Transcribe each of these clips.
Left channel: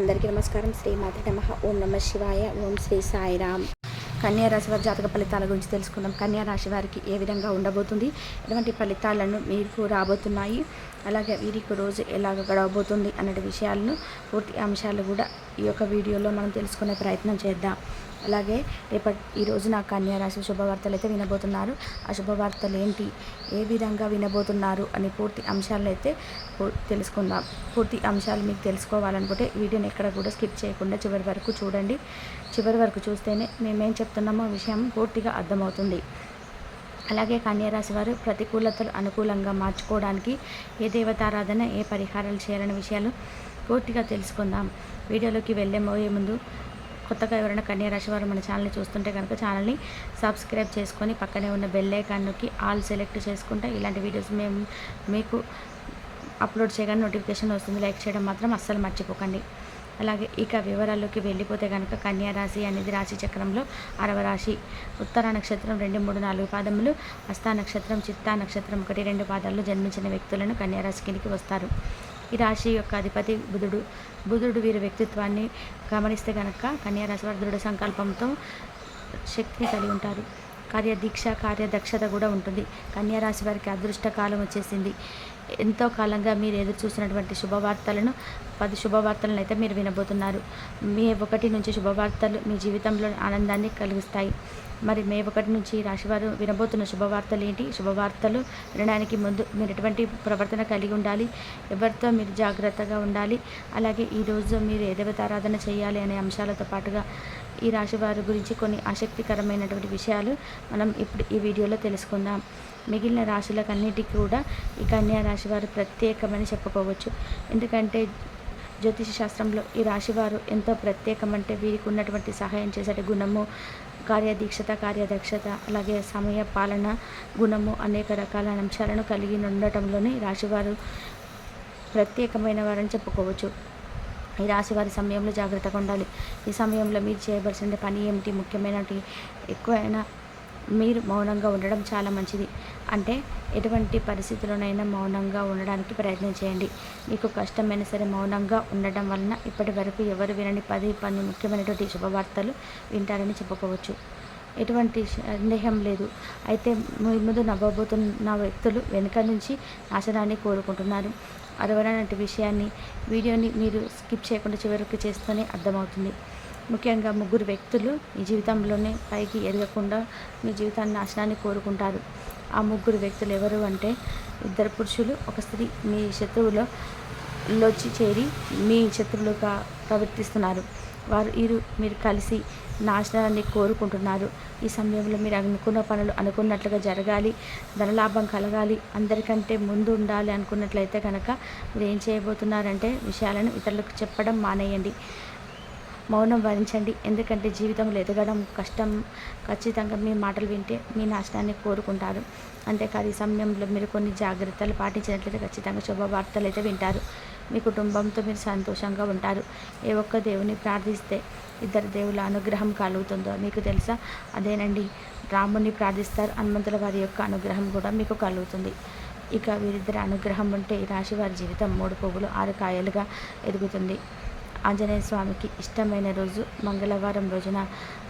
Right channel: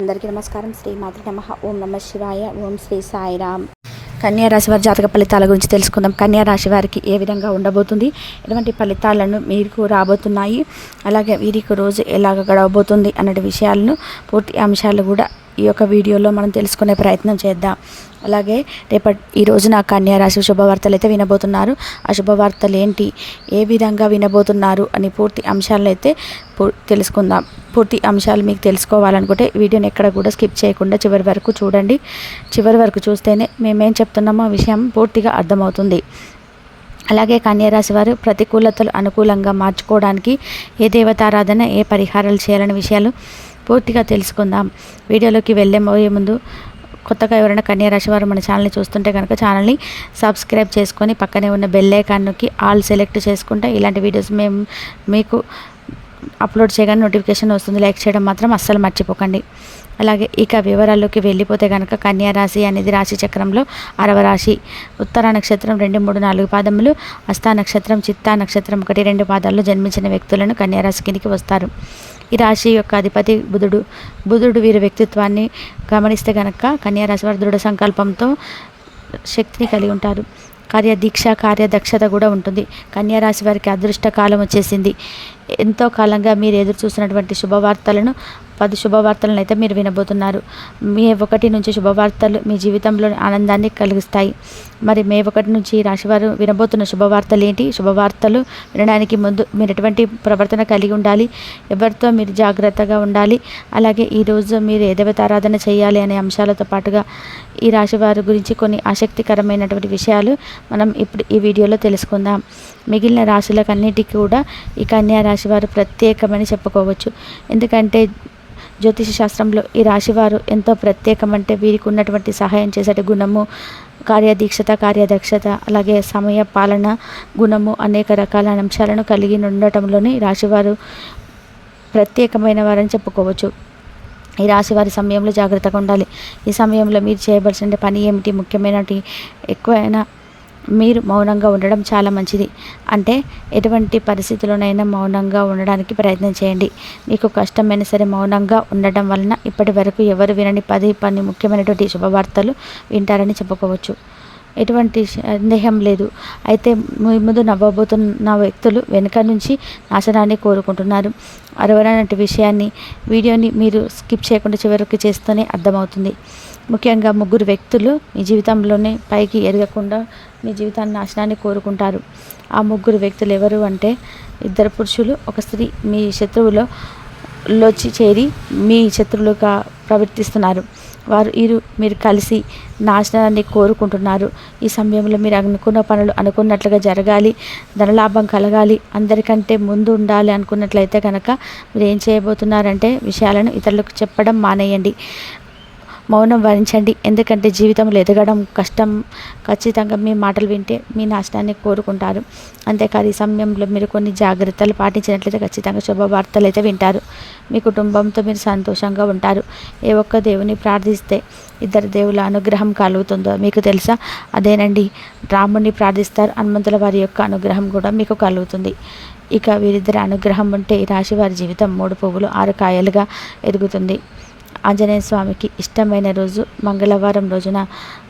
అందరికీ నమస్కారం. శ్రీమాత్రే నమః. ఓం నమ శివాయ. ఓం శ్రీ సాయిరామ్. కన్యా రాశి వారి జాతక ఫలితాల గురించి తెలుసుకుందాం. కన్యా రాశి వారికి ఏ విధంగా ఉండబోతుంది, ఎటువంటి ఫలితాలను మీకు రాబోతున్నాయి, అలాగే వీరికి రోజు ఎలాగ గడవబోతుంది అన్నటి విషయాలను, పూర్తి అంశాలు కూడా ఈ యొక్క వీడియోలో మనం తెలుసుకునే ప్రయత్నం చేద్దాం. అలాగే ఈ రోజున కన్యా రాశి శుభవార్తలు అయితే వినబోతున్నారు. ఆ శుభవార్తలు ఏంటి, ఏ విధంగా వినబోతున్నారు అని పూర్తి అంశాలను అయితే తెలుసుకుందాం. పూర్తి అంశాలు మీకు తెలుసుకోవాలనుకుంటే వీడియోని ఎక్కడ కూడా స్కిప్ చేయకుండా చివరి వరకు చూడండి. చివరి వరకు చూస్తేనే మేమేం చెప్తున్నామో ఆ విషయం పూర్తిగా అర్థమవుతుంది. అలాగే కన్యారాశి వారు ప్రతికూలతలు అనుకూలంగా మార్చుకోవడానికి ఏ దేవతారాధన, ఏ పరిహారాలు చేయాలనే విషయాలు పూర్తిగా తెలుసుకుందాం. వీడియోలోకి వెళ్ళే ముందు కొత్తగా ఎవరైనా కన్యారాశి వారు మన ఛానల్ని చూస్తుంటే కనుక ఛానల్ని సబ్స్క్రైబ్ చేసుకొని పక్కనే ఉన్న బెల్ ఐకాన్ నొక్కి ఆల్ సెలెక్ట్ చేసుకుంటే ఇలాంటి వీడియోస్ మేము మీకు అప్లోడ్ చేయగానే నోటిఫికేషన్ వస్తుంది. లైక్ చేయడం మాత్రం అస్సలు మర్చిపోకండి. అలాగే ఇక వివరాల్లోకి వెళ్ళిపోతే కనుక కన్యా రాశి అనేది రాశి చక్రంలో 6వ రాశి. ఉత్తర నక్షత్రం 2, 3, 4 పాదములు, హస్త నక్షత్రం, చిత్తా నక్షత్రం 1, 2 పాదాల్లో జన్మించిన వ్యక్తులను కన్యా రాశి కిందికి వస్తారు. ఈ రాశి యొక్క అధిపతి బుధుడు వీరి వ్యక్తిత్వాన్ని గమనిస్తే కనుక కన్యా రాశి వారు దృఢ సంకల్పంతో శక్తిని కలిగి ఉంటారు. కార్యదీక్ష, కార్యదక్షత కూడా ఉంటుంది. కన్యా రాశి వారికి అదృష్ట కాలం వచ్చేసింది. ఎంతో కాలంగా మీరు ఎదురు చూసినటువంటి శుభవార్తలను 10 శుభవార్తలను అయితే మీరు వినబోతున్నారు. మే 1 నుంచి శుభవార్తలు మీ జీవితంలో ఆనందాన్ని కలిగిస్తాయి. మరి మే 1 నుంచి రాశివారు వినబోతున్న శుభవార్తలు ఏంటి, శుభవార్తలు వినడానికి ముందు మీరు ఎటువంటి ప్రవర్తన కలిగి ఉండాలి, ఎవరితో మీరు జాగ్రత్తగా ఉండాలి, అలాగే ఈరోజు మీరు ఏ దేవతారాధన చేయాలి అనే అంశాలతో పాటుగా ఈ రాశివారి గురించి కొన్ని ఆసక్తికరమైనటువంటి విషయాలు మనం ఇప్పుడు ఈ వీడియోలో తెలుసుకుందాం. మిగిలిన రాశులకన్నిటికీ కూడా ఈ కన్యా రాశి వారు ప్రత్యేకమని చెప్పుకోవచ్చు. ఎందుకంటే జ్యోతిష శాస్త్రంలో ఈ రాశివారు ఎంతో ప్రత్యేకమంటే వీరికి ఉన్నటువంటి సహాయం చేసే గుణము, కార్యదీక్షత, కార్యదక్షత, అలాగే సమయ పాలన గుణము, అనేక రకాల అంశాలను కలిగి ఉండటంలోనే రాశివారు ప్రత్యేకమైన వారని చెప్పుకోవచ్చు. ఈ రాశి వారి సమయంలో జాగ్రత్తగా ఉండాలి. ఈ సమయంలో మీరు చేయవలసిన పని ఏమిటి, ముఖ్యమైనటి ఎక్కువైనా మీరు మౌనంగా ఉండడం చాలా మంచిది. అంటే ఎటువంటి పరిస్థితుల్లోనైనా మౌనంగా ఉండడానికి ప్రయత్నం చేయండి. మీకు కష్టమైనా సరే మౌనంగా ఉండడం వలన ఇప్పటి వరకు ఎవరు వినని 10 ముఖ్యమైనటువంటి శుభవార్తలు వింటారని చెప్పుకోవచ్చు. ఎటువంటి సందేహం లేదు. అయితే ముందు నవ్వబోతున్న వ్యక్తులు వెనుక నుంచి నాశనాన్ని కోరుకుంటున్నారు. అరవనటి విషయాన్ని వీడియోని మీరు స్కిప్ చేయకుండా చివరికి చేస్తూనే అర్థమవుతుంది. ముఖ్యంగా 3 వ్యక్తులు మీ జీవితంలోనే పైకి ఎదగకుండా మీ జీవితాన్ని నాశనాన్ని కోరుకుంటారు. ఆ 3 వ్యక్తులు ఎవరు అంటే 2 పురుషులు, 1 స్త్రీ మీ శత్రువులోకి చేరి మీ శత్రువులుగా ప్రవర్తిస్తున్నారు. మీరు కలిసి నాశనాన్ని కోరుకుంటున్నారు. ఈ సమయంలో మీరు అనుకున్న పనులు అనుకున్నట్లుగా జరగాలి, ధనలాభం కలగాలి, అందరికంటే ముందు ఉండాలి అనుకున్నట్లయితే కనుక మీరు ఏం చేయబోతున్నారంటే విషయాలను ఇతరులకు చెప్పడం మానేయండి. మౌనం వహించండి. ఎందుకంటే జీవితంలో ఎదగడం కష్టం. ఖచ్చితంగా మీ మాటలు వింటే మీ నాశనాన్ని కోరుకుంటారు. అంతేకాదు ఈ సమయంలో మీరు కొన్ని జాగ్రత్తలు పాటించినట్లయితే ఖచ్చితంగా శుభవార్తలు అయితే వింటారు. మీ కుటుంబంతో మీరు సంతోషంగా ఉంటారు. ఏ ఒక్క దేవుని ప్రార్థిస్తే 2 దేవుల అనుగ్రహం కలుగుతుందో మీకు తెలుసా? అదేనండి, రాముని ప్రార్థిస్తారు, హనుమంతుల వారి యొక్క అనుగ్రహం కూడా మీకు కలుగుతుంది. ఇక వీరిద్దరి అనుగ్రహం ఉంటే ఈ రాశి వారి జీవితం 3 పువ్వులు 6 కాయలుగా ఎదుగుతుంది. ఆంజనేయ స్వామికి ఇష్టమైన రోజు మంగళవారం రోజున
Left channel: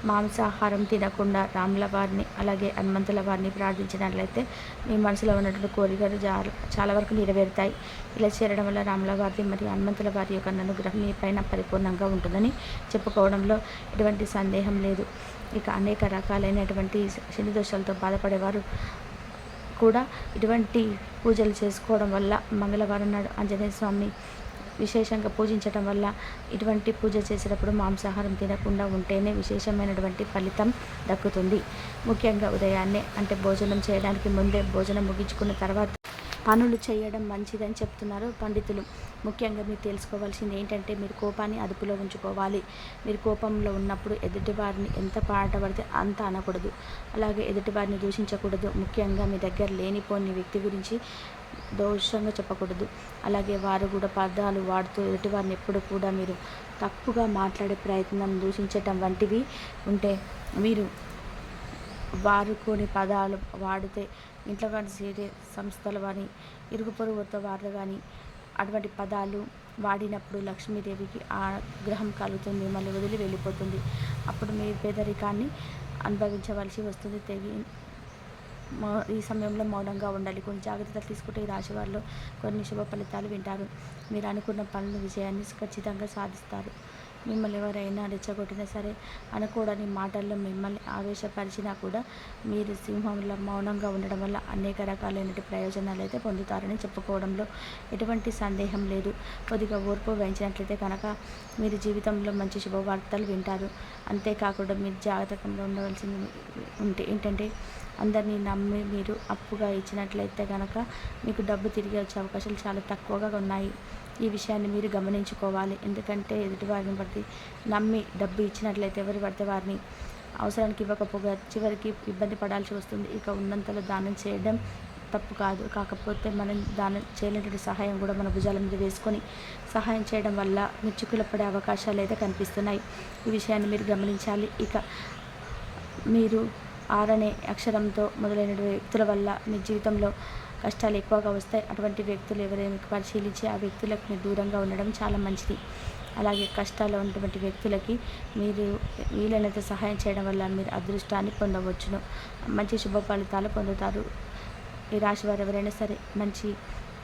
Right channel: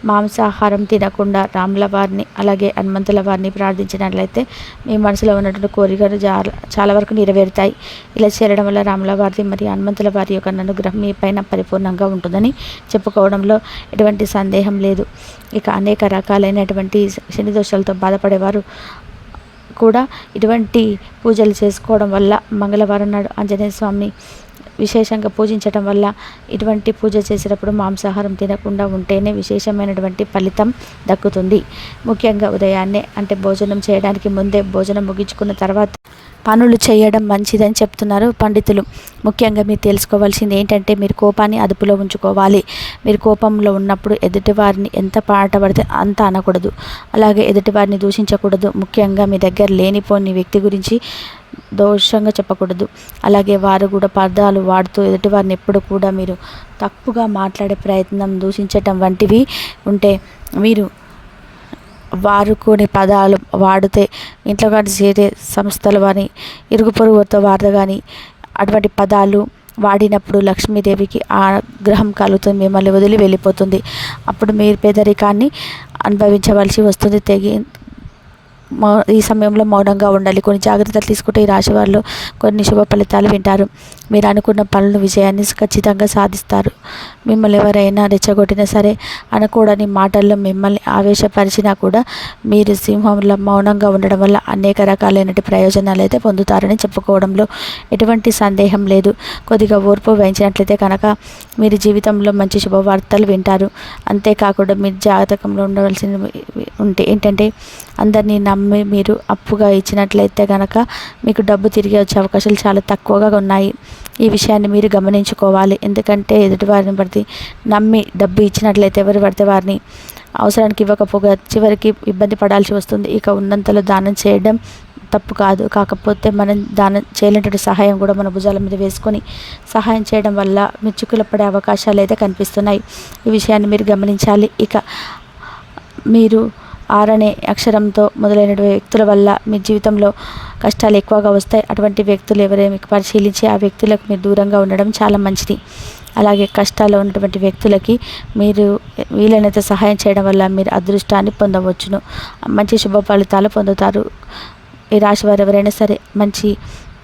మాంసాహారం తినకుండా రాముల వారిని అలాగే హనుమంతుల వారిని ప్రార్థించినట్లయితే మీ మనసులో ఉన్నటువంటి కోరికలు చాలా వరకు నెరవేరుతాయి. ఇలా చేయడం వల్ల రాముల వారిది మరియు హనుమంతుల వారి యొక్క అనుగ్రహం మీ పైన పరిపూర్ణంగా ఉంటుందని చెప్పుకోవడంలో ఎటువంటి సందేహం లేదు. ఇక అనేక రకాలైనటువంటి శని దోషాలతో బాధపడేవారు కూడా ఇటువంటి పూజలు చేసుకోవడం వల్ల మంగళవారం నాడు ఆంజనేయ స్వామిని విశేషంగా పూజించడం వల్ల ఇటువంటి పూజ చేసేటప్పుడు మాంసాహారం తినకుండా ఉంటేనే విశేషమైనటువంటి ఫలితం దక్కుతుంది. ముఖ్యంగా ఉదయాన్నే అంటే భోజనం చేయడానికి ముందే, భోజనం ముగించుకున్న తర్వాత పనులు చేయడం మంచిదని చెప్తున్నారు పండితులు. ముఖ్యంగా మీరు తెలుసుకోవాల్సింది ఏంటంటే మీరు కోపాన్ని అదుపులో ఉంచుకోవాలి. మీరు కోపంలో ఉన్నప్పుడు ఎదుటివారిని ఎంత పాట పడితే అంత అనకూడదు, అలాగే ఎదుటివారిని దూషించకూడదు. ముఖ్యంగా మీ దగ్గర లేనిపోని వ్యక్తి గురించి దోషంగా చెప్పకూడదు. అలాగే వారు కూడా పదాలు వాడుతూ ఎదుటివారిని ఎప్పుడు కూడా మీరు తప్పుగా మాట్లాడే ప్రయత్నం, దూషించటం వంటివి ఉంటే మీరు వారు కొన్ని పదాలు వాడితే ఇంట్లో కానీ చేరే సంస్థలు కానీ ఇరుగు పొరుగుతో వారితో కానీ అటువంటి పదాలు వాడినప్పుడు లక్ష్మీదేవికి ఆగ్రహం కలుగుతుంది, మిమ్మల్ని వదిలి వెళ్ళిపోతుంది. అప్పుడు మీరు పేదరికాన్ని అనుభవించవలసి వస్తుంది. ఈ సమయంలో మౌనంగా ఉండాలి. కొన్ని జాగ్రత్తలు తీసుకుంటే ఈ రాశి వారిలో కొన్ని శుభ ఫలితాలు వింటారు. మీరు అనుకున్న పనులు విజయాన్ని ఖచ్చితంగా సాధిస్తారు. మిమ్మల్ని ఎవరైనా రెచ్చగొట్టినా సరే, అనకూడని మాటల్లో మిమ్మల్ని ఆవేశపరిచినా కూడా మీరు సింహంలో మౌనంగా ఉండడం వల్ల అనేక రకాలైన ప్రయోజనాలు అయితే పొందుతారని చెప్పుకోవడంలో ఎటువంటి సందేహం లేదు. కొద్దిగా ఓర్పు వహించినట్లయితే కనుక మీరు జీవితంలో మంచి శుభవార్తలు వింటారు. అంతేకాకుండా మీరు జాతకంలో ఉండవలసింది ఏంటంటే, అందరినీ నమ్మి మీరు అప్పుగా ఇచ్చినట్లయితే కనుక మీకు డబ్బు తిరిగి వచ్చే అవకాశాలు చాలా తక్కువగా ఉన్నాయి. ఈ విషయాన్ని మీరు గమనించుకోవాలి. ఎందుకంటే ఎదుటివారిని బట్టి నమ్మి డబ్బు ఇచ్చినట్లయితే ఎవరు పడితే వారిని అవసరానికి ఇవ్వకపోగా చివరికి ఇబ్బంది పడాల్సి వస్తుంది. ఇక ఉన్నంతలో దానం చేయడం తప్పు కాదు. కాకపోతే మనం దానం చేయలేనటువంటి సహాయం కూడా మన భుజాల మీద వేసుకొని సహాయం చేయడం వల్ల మెచ్చుకులు పడే అవకాశాలు అయితే కనిపిస్తున్నాయి. ఈ విషయాన్ని మీరు గమనించాలి. ఇక మీరు ఆరనే అక్షరంతో మొదలైన వ్యక్తుల వల్ల మీ జీవితంలో కష్టాలు ఎక్కువగా వస్తాయి. అటువంటి వ్యక్తులు ఎవరైనా మీకు పరిశీలించి ఆ వ్యక్తులకు మీరు దూరంగా ఉండడం చాలా మంచిది. అలాగే కష్టాల్లో ఉన్నటువంటి వ్యక్తులకి మీరు వీలైనంత సహాయం చేయడం వల్ల మీరు అదృష్టాన్ని పొందవచ్చును. మంచి శుభ ఫలితాలు పొందుతారు. ఈ రాశి వారు ఎవరైనా సరే మంచి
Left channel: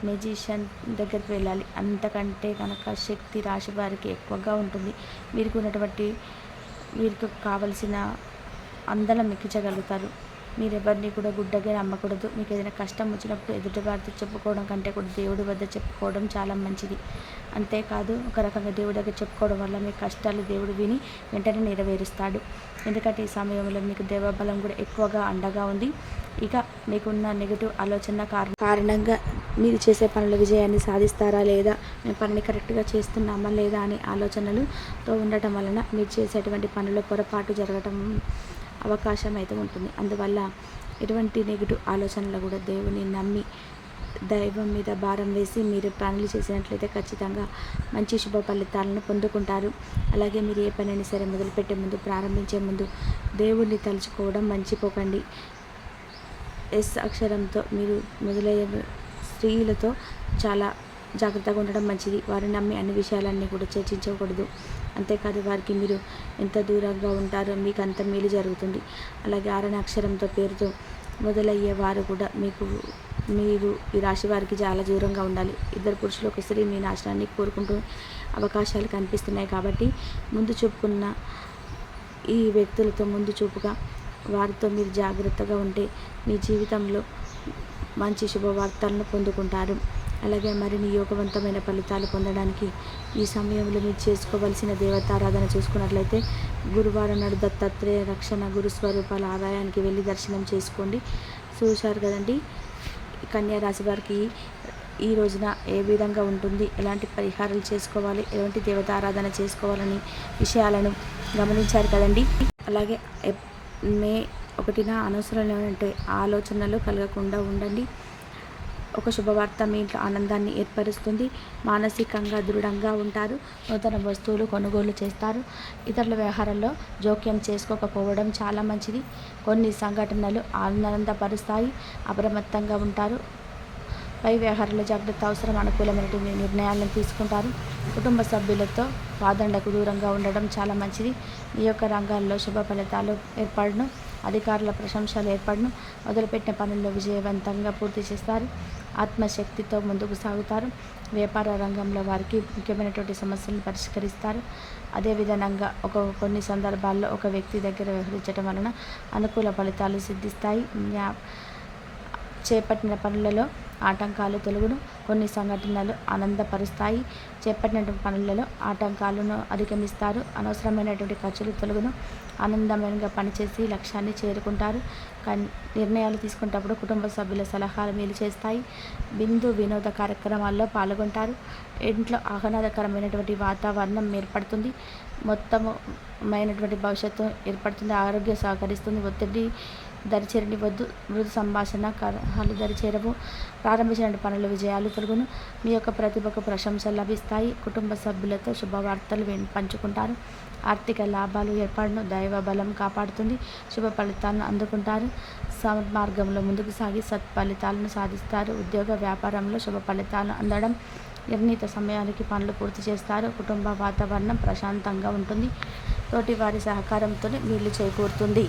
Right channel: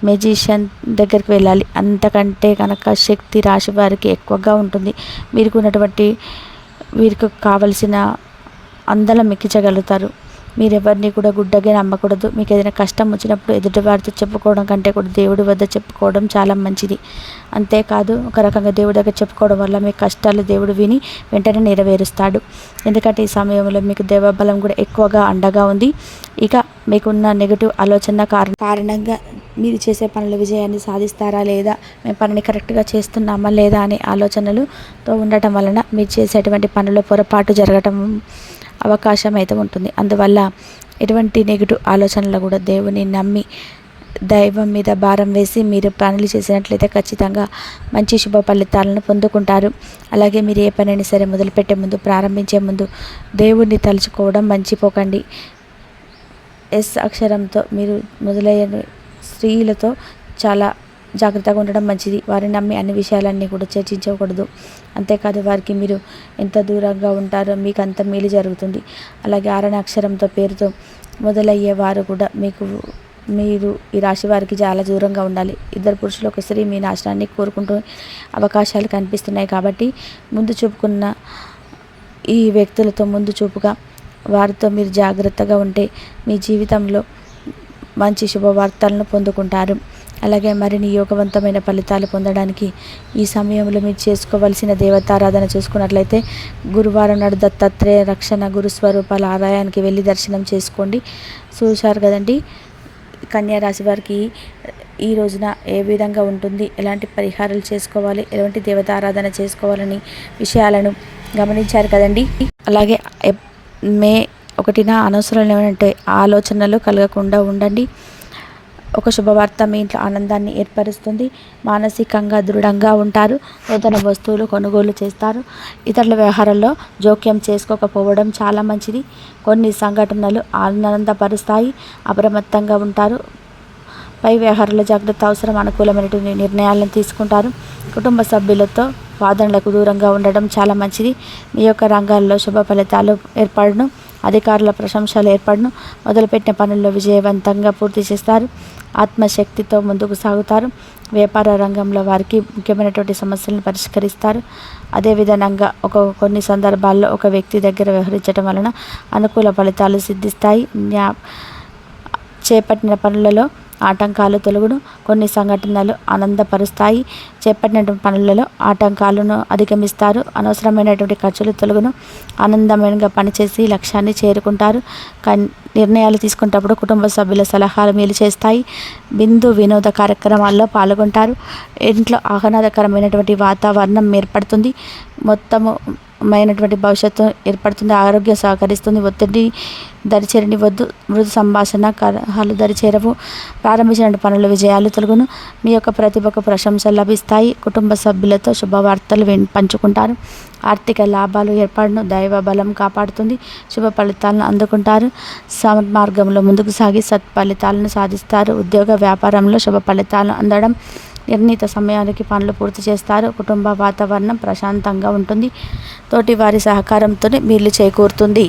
మెజిషియన్ దగ్గరికి వెళ్ళాలి. అంతకంటే కనుక శక్తి రాశి వారికి ఎక్కువగా ఉంటుంది. వీరికి కావలసిన అందలం ఎక్కించగలుగుతారు. మీరు ఎవరిని కూడా గుడ్డగా నమ్మకూడదు. మీకు ఏదైనా కష్టం వచ్చినప్పుడు ఎదుటివారితో చెప్పుకోవడం కంటే కూడా దేవుడి వద్ద చెప్పుకోవడం చాలా మంచిది. అంతేకాదు, ఒక రకంగా దేవుడి దగ్గర చెప్పుకోవడం వల్ల మీ కష్టాలు దేవుడు విని వెంటనే నెరవేరుస్తాడు. ఎందుకంటే ఈ సమయంలో మీకు దైవబలం కూడా ఎక్కువగా అండగా ఉంది. ఇక మీకున్న నెగటివ్ ఆలోచన కారణంగా మీరు చేసే పనుల విజయాన్ని సాధిస్తారా లేదా, మేము పనిని కరెక్ట్గా చేస్తున్నామా లేదా అనే ఆలోచనలతో ఉండటం వలన మీరు చేసేటువంటి పనుల్లో పొరపాటు జరగటం అవకాశం అయితే ఉంటుంది. అందువల్ల ఎటువంటి నెగిటివ్ ఆలోచనలు కూడా దేవుని నమ్మి దైవం మీద భారం వేసి మీరు పనులు చేసినట్లయితే ఖచ్చితంగా మంచి శుభ ఫలితాలను పొందుకుంటారు. అలాగే మీరు ఏ పనైనా సరే మొదలుపెట్టే ముందు, ప్రారంభించే ముందు దేవుణ్ణి తలుచుకోవడం మర్చిపోకండి. ఎస్ అక్షరంతో మీరు మొదలయ్యే స్త్రీలతో చాలా జాగ్రత్తగా ఉండడం మంచిది. వారిని నమ్మి అన్ని విషయాలన్నీ కూడా చర్చించకూడదు. అంతేకాదు, వారికి మీరు ఎంత దూరంగా ఉంటారో మీకు అంత మేలు జరుగుతుంది. అలాగే ఆరణ అక్షరంతో పేరుతో మొదలయ్యే వారు కూడా మీరు ఈ రాశి వారికి చాలా దూరంగా ఉండాలి. ఇద్దరు పురుషులు ఒక స్త్రీ మీ నాశనాన్ని కోరుకుంటూ అవకాశాలు కనిపిస్తున్నాయి. కాబట్టి ముందు చూపుకున్న ఈ వ్యక్తులతో ముందు చూపుగా వారితో మీరు జాగ్రత్తగా ఉంటే మీ జీవితంలో మంచి శుభవార్తలను పొందుకుంటారు. అలాగే మరిన్ని యోగవంతమైన ఫలితాలు పొందడానికి ఈ సమయంలో మీరు చేసుకోవలసిన దేవతారాధన చూసుకున్నట్లయితే గురువారం నాడు దత్తాత్రేయ రక్షణ గురుస్వరూపాల ఆలయానికి వెళ్ళి దర్శనం చేసుకోండి. చూశారు కదండి, కన్యా రాశి వారికి ఈ రోజున ఏ విధంగా ఉంటుంది, ఎలాంటి పరిహారాలు చేసుకోవాలి, ఎలాంటి దేవతారాధన చేసుకోవాలని విషయాలను గమనించారు కదండి. అలాగే మే 1న అనవసరమైన ఆలోచనలు కలగకుండా ఉండండి. ఒక శుభవార్త మీ ఇంట్లో ఆనందాన్ని ఏర్పరుస్తుంది. మానసికంగా దృఢంగా ఉంటారు. నూతన వస్తువులు కొనుగోలు చేస్తారు. ఇతరుల వ్యవహారాల్లో జోక్యం చేసుకోకపోవడం చాలా మంచిది. కొన్ని సంఘటనలు ఆనందపరుస్తాయి. అప్రమత్తంగా ఉంటారు. పై వ్యవహారాల జాగ్రత్త అవసరం. అనుకూలమైనటువంటి నిర్ణయాలను తీసుకుంటారు. కుటుంబ సభ్యులతో వాదనలకు దూరంగా ఉండడం చాలా మంచిది. మీ యొక్క రంగాల్లో శుభ ఫలితాలు ఏర్పడను. అధికారుల ప్రశంసలు ఏర్పడను. మొదలుపెట్టిన పనుల్లో విజయవంతంగా పూర్తి చేస్తారు. ఆత్మశక్తితో ముందుకు సాగుతారు. వ్యాపార రంగంలో వారికి ముఖ్యమైనటువంటి సమస్యలను పరిష్కరిస్తారు. అదేవిధంగా కొన్ని సందర్భాల్లో ఒక వ్యక్తి దగ్గర వ్యవహరించడం వలన అనుకూల ఫలితాలు సిద్ధిస్తాయి. చేపట్టిన పనులలో ఆటంకాలు తొలగును. కొన్ని సంఘటనలు ఆనందపరుస్తాయి. చేపట్టిన పనులలో ఆటంకాలను అధిగమిస్తారు. అనవసరమైనటువంటి ఖర్చులు తొలగును. ఆనందమైనగా పనిచేసి లక్ష్యాన్ని చేరుకుంటారు. నిర్ణయాలు తీసుకునేటప్పుడు కుటుంబ సభ్యుల సలహాలు మేలు చేస్తాయి. వినోద కార్యక్రమాల్లో పాల్గొంటారు. ఇంట్లో ఆహ్లాదకరమైనటువంటి వాతావరణం ఏర్పడుతుంది. మైనటువంటి భవిష్యత్తు ఏర్పడుతుంది. ఆరోగ్యం సహకరిస్తుంది. ఒత్తిడి దరిచేరని వద్దు. మృదు సంభాషణ కలహాలు దరిచేరవు. ప్రారంభించిన పనుల విజయాలు తొలగును. మీ యొక్క ప్రతిభకు ప్రశంసలు లభిస్తాయి. కుటుంబ సభ్యులతో శుభవార్తలు పంచుకుంటారు. ఆర్థిక లాభాలు ఏర్పడను. దైవ బలం కాపాడుతుంది. శుభ ఫలితాలను అందుకుంటారు. మార్గంలో ముందుకు సాగి సత్ఫలితాలను సాధిస్తారు. ఉద్యోగ వ్యాపారంలో శుభ ఫలితాలను అందడం నిర్ణీత సమయానికి పనులు పూర్తి చేస్తారు. కుటుంబ వాతావరణం ప్రశాంతంగా ఉంటుంది. తోటి వారి సహకారంతో మేలు చేకూరుతుంది.